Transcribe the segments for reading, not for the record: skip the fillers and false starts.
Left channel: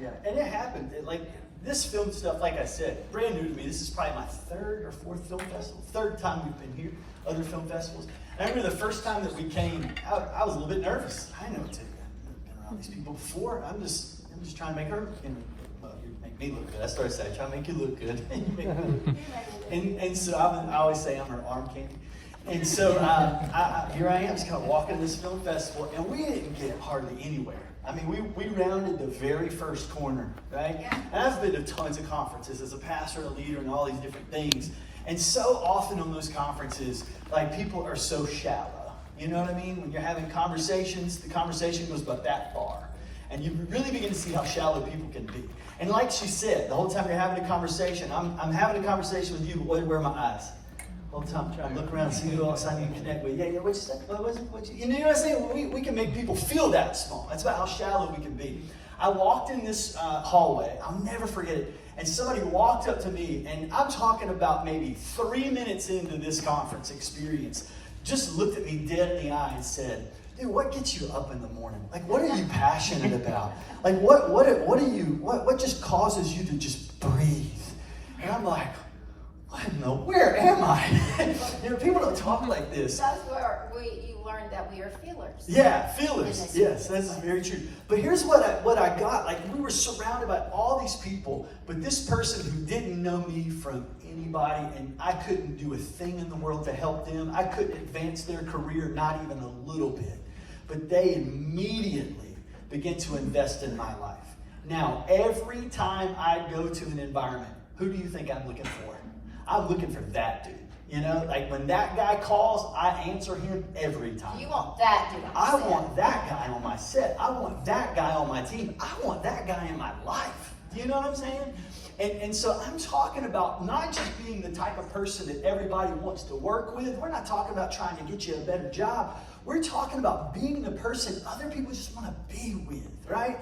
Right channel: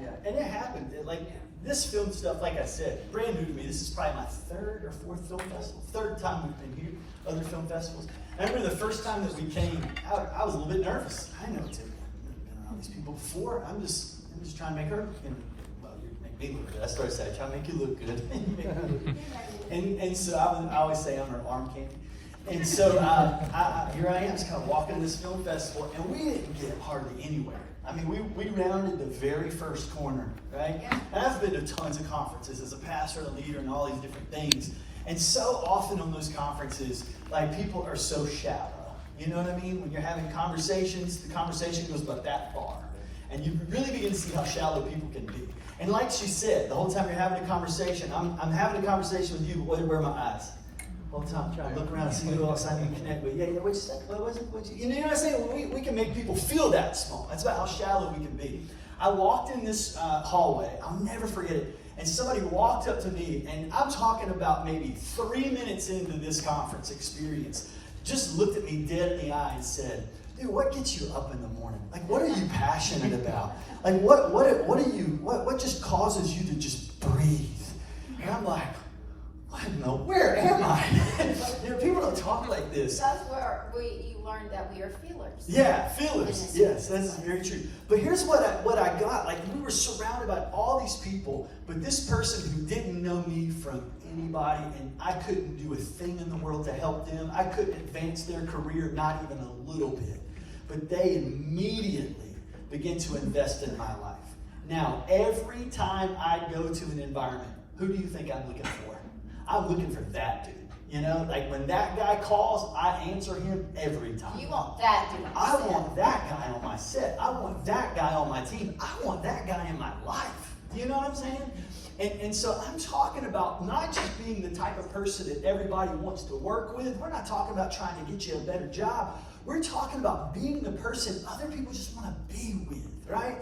Yeah, and it happened. Like this film stuff, like I said, brand new to me. This is probably my third or fourth film festival. Third time we've been here, other film festivals. I remember the first time that we came, I was a little bit nervous. I know too. I've been around these people before. I'm just trying to make her, well, you make me look good. I started saying, trying to make you look good. You make me look good. And so I always say I'm her arm candy. And so here I am, just kind of walking this film festival, and we didn't get hardly anywhere. I mean, we rounded the very first corner, right? Yeah. And I've been to tons of conferences as a pastor, a leader, and all these different things. And so often on those conferences, like people are so shallow. You know what I mean? When you're having conversations, the conversation goes about that far. And you really begin to see how shallow people can be. And like she said, the whole time you're having a conversation, I'm having a conversation with you, but where are my eyes? The whole time I'm trying to look around and see who else I need to connect with. Yeah, what'd you say? What was it? You know what I'm saying? We can make people feel that small. That's about how shallow we can be. I walked in this hallway. I'll never forget it. And somebody walked up to me, and I'm talking about maybe 3 minutes into this conference experience, just looked at me dead in the eye and said, dude, what gets you up in the morning? Like, what are you passionate about? Like, what just causes you to just breathe? And I'm like, I don't know, where am I? You know, people don't talk like this. That's where you learned that we are feelers. Yeah, feelers. Yes, that's very true. But here's what I got. Like, we were surrounded by all these people, but this person who didn't know me from anybody, and I couldn't do a thing in the world to help them. I couldn't advance their career, not even a little bit. But they immediately began to invest in my life. Now, every time I go to an environment, who do you think I'm looking for? I'm looking for that dude. You know, like when that guy calls, I answer him every time. You want that dude on I want that guy on my set. I want that guy on my team. I want that guy in my life. You know what I'm saying? And so I'm talking about not just being the type of person that everybody wants to work with. We're not talking about trying to get you a better job. We're talking about being the person other people just want to be with, right?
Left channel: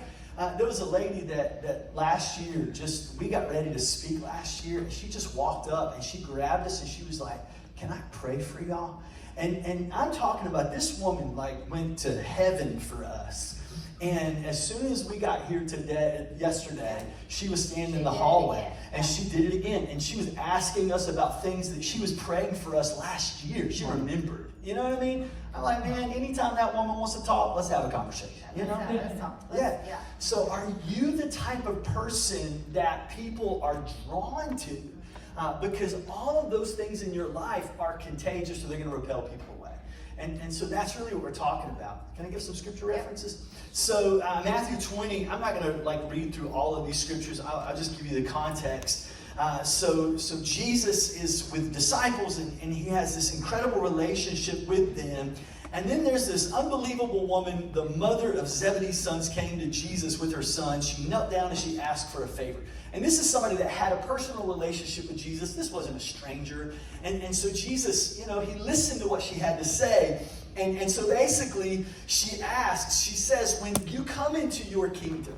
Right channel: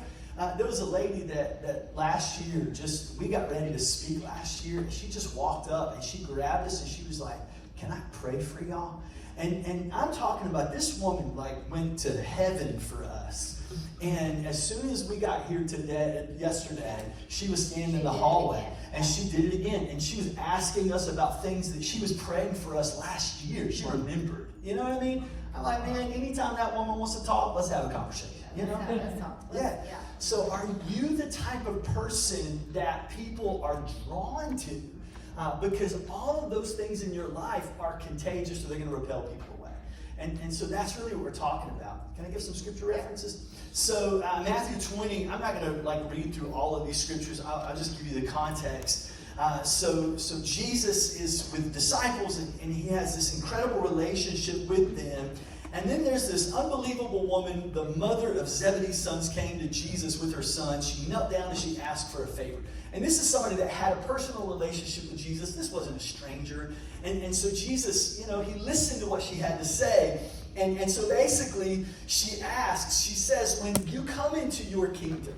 There was a lady that last year, we got ready to speak last year, and she just walked up and she grabbed us and she was like, can I pray for y'all? And I'm talking about this woman like went to heaven for us. And as soon as we got here yesterday, she was standing in the hallway and she did it again. And she was asking us about things that she was praying for us last year. She remembered. You know what I mean? I'm like, man, anytime that woman wants to talk, let's have a conversation. You know? Yeah. So are you the type of person that people are drawn to? Because all of those things in your life are contagious, so they're going to repel people away. And so that's really what we're talking about. Can I give some scripture references? So Matthew 20, I'm not going to read through all of these scriptures. I'll just give you the context. So Jesus is with disciples, and he has this incredible relationship with them. And then there's this unbelievable woman, the mother of Zebedee's sons, came to Jesus with her son. She knelt down and she asked for a favor. And this is somebody that had a personal relationship with Jesus. This wasn't a stranger. And so Jesus, he listened to what she had to say. And so basically, she says, when you come into your kingdom,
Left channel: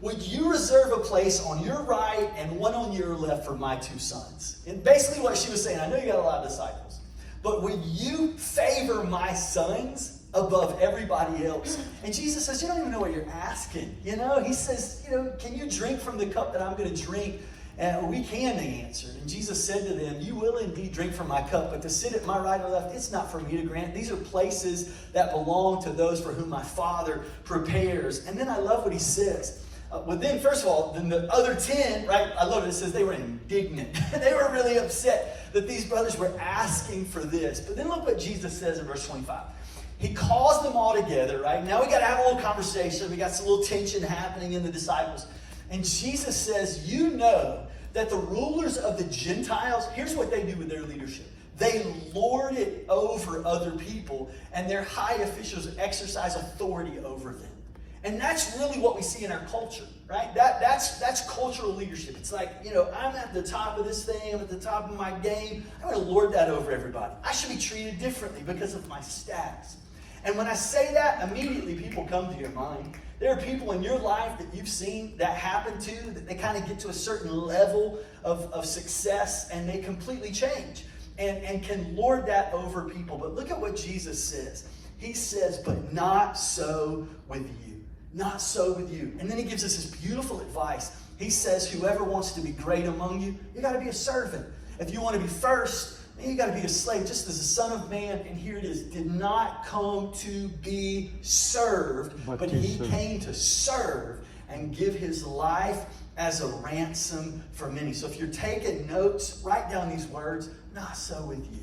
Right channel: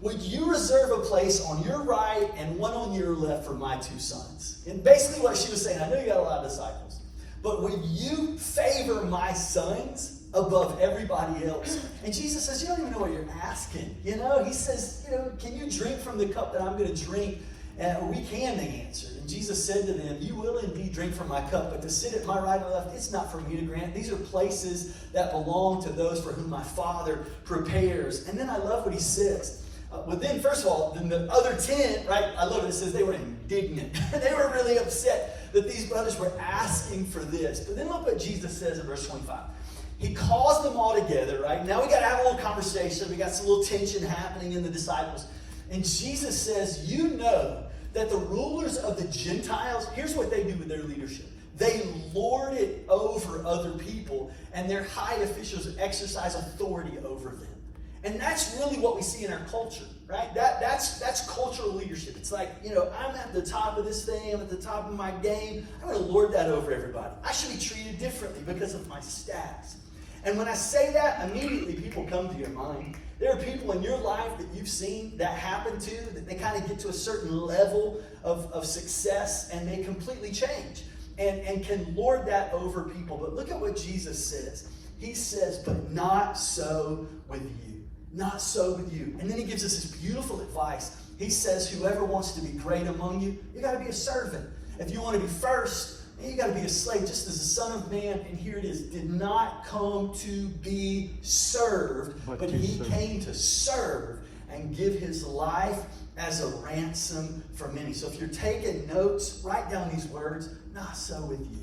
would you reserve a place on your right and one on your left for my two sons? And basically what she was saying, I know you got a lot of disciples, but would you favor my sons above everybody else? And Jesus says, you don't even know what you're asking. He says, can you drink from the cup that I'm going to drink? And we can, they answered. And Jesus said to them, you will indeed drink from my cup, but to sit at my right or left, it's not for me to grant. These are places that belong to those for whom my Father prepares. And then I love what he says. Then the other 10, right? I love it. It says they were indignant. They were really upset that these brothers were asking for this. But then look what Jesus says in verse 25. He calls them all together, right? Now we got to have a little conversation. We got some little tension happening in the disciples. And Jesus says, you know that the rulers of the Gentiles, here's what they do with their leadership. They lord it over other people, and their high officials exercise authority over them. And that's really what we see in our culture, right? That's cultural leadership. It's like, I'm at the top of this thing, I'm at the top of my game. I'm going to lord that over everybody. I should be treated differently because of my status. And when I say that, immediately people come to your mind. There are people in your life that you've seen that happen to, that they kind of get to a certain level of success and they completely change and can lord that over people. But look at what Jesus says. He says, but not so with you. Not so with you. And then he gives us this beautiful advice. He says, whoever wants to be great among you, you got to be a servant. If you want to be first, you got to be a slave, just as the Son of Man, and here it is, did not come to be served, but he came to serve and give his life as a ransom for many. So if you're taking notes, write down these words, not so with you.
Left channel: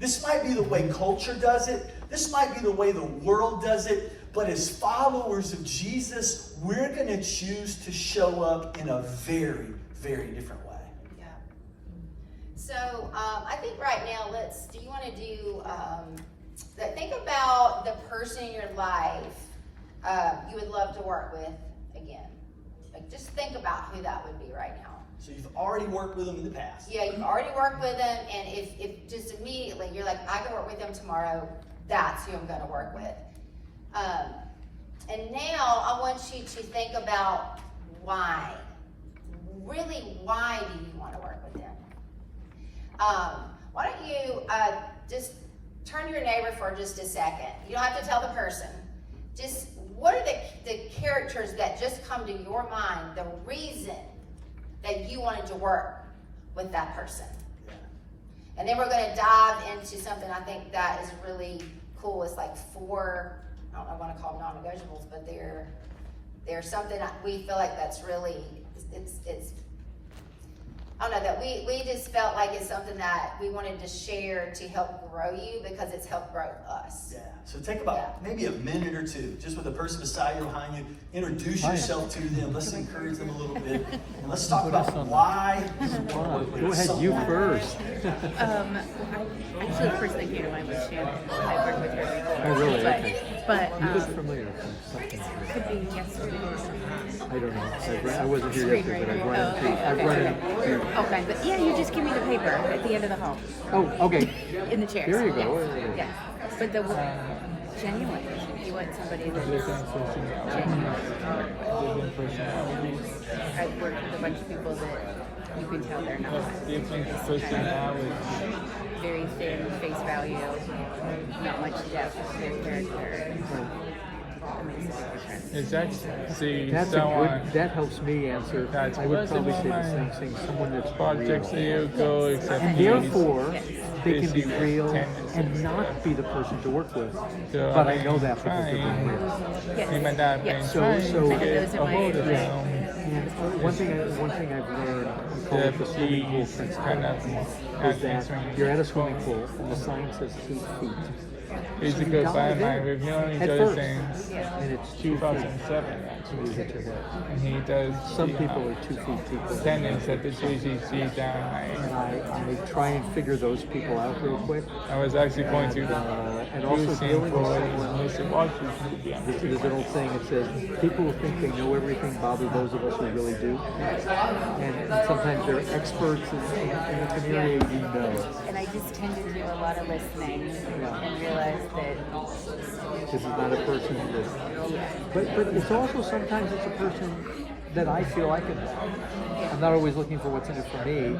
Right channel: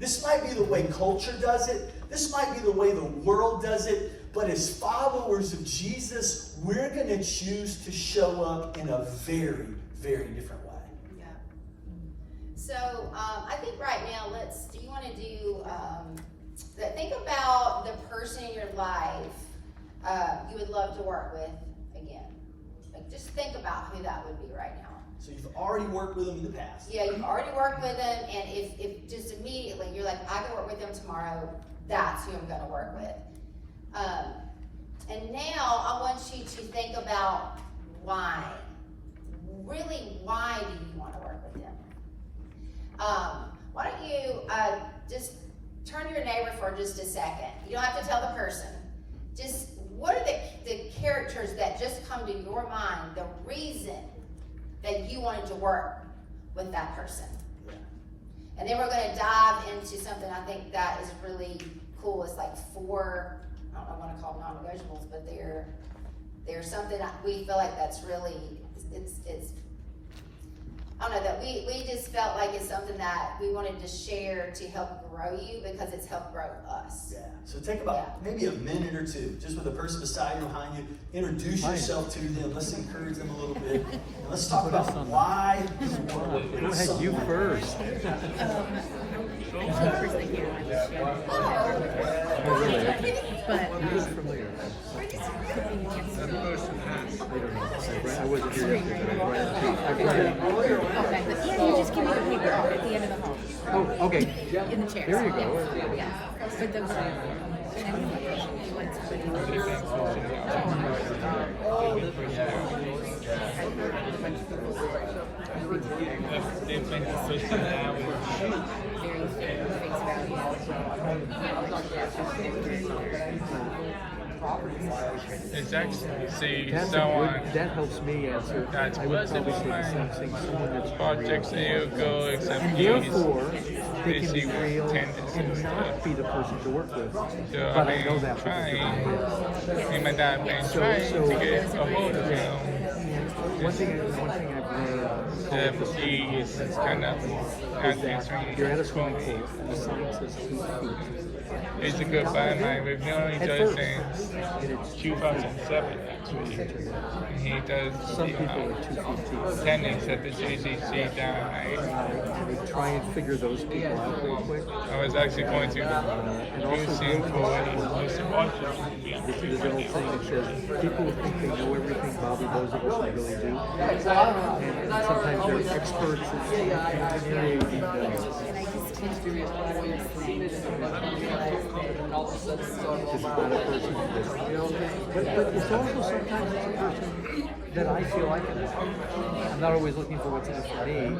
This might be the way culture does it. This might be the way the world does it. But as followers of Jesus, we're going to choose to show up in a very, very different way. Yeah. So I think right now, do you want to do, think about the person in your life you would love to work with again. Like, just think about who that would be right now. So you've already worked with them in the past. Yeah, you've already worked with them, and if just immediately you're like, I can work with them tomorrow, that's who I'm going to work with. And now I want you to think about why. Really, why do you want to work with them? Why don't you just turn to your neighbor for just a second. You don't have to tell the person. Just what are the characters that just come to your mind, the reason that you wanted to work with that person? Yeah. And then we're going to dive into something I think that is really cool. It's like 4, I don't know what I call them, non-negotiables, but they're something that we feel like that's really, it's I don't know, that we just felt like it's something that we wanted to share to help grow you because it's helped grow us. Yeah. So take about maybe a minute or two, just with the person beside you, behind you. Introduce yourself to them. Let's encourage them a little bit. And let's talk about why you want to work with someone. You first. Actually, the first thing came to mind was Shannon. But could be next week. I don't know. I wasn't here yesterday, but I brought it. Okay, but yeah, you just give me the paper at the end of the hall. Oh, okay. In the chair. There you go. Yeah. But the Jenny, you want somebody that is I've worked with a bunch of people that you can tell they're not. Very thin face value, not much depth. It's actually That's someone that helps me answer. that's I would probably say the same thing. Someone that's projects real. you go accept And therefore, they can be see real tendencies. and not be the person to work with. So, But I know that because they're trying, him and that man So- trying so- to get Those are my over One thing I've read is kind of is that you're at a swimming pool and the sign says 2 feet. He's a good fan. We've known each At other first, since and it's 2007. And he does some people are 2 feet deep. attendance at the JCC down And they try and figure those people out real quick. I was actually going to And also use the him other for thing his there's an old saying that says people who think they know everything bother those of us who really do. And sometimes they're experts in the area you know. And I just tend to do a lot of listening and realize that This is the other person. But it's also sometimes it's a person that I feel I can help. I'm not always looking for what's in it for me.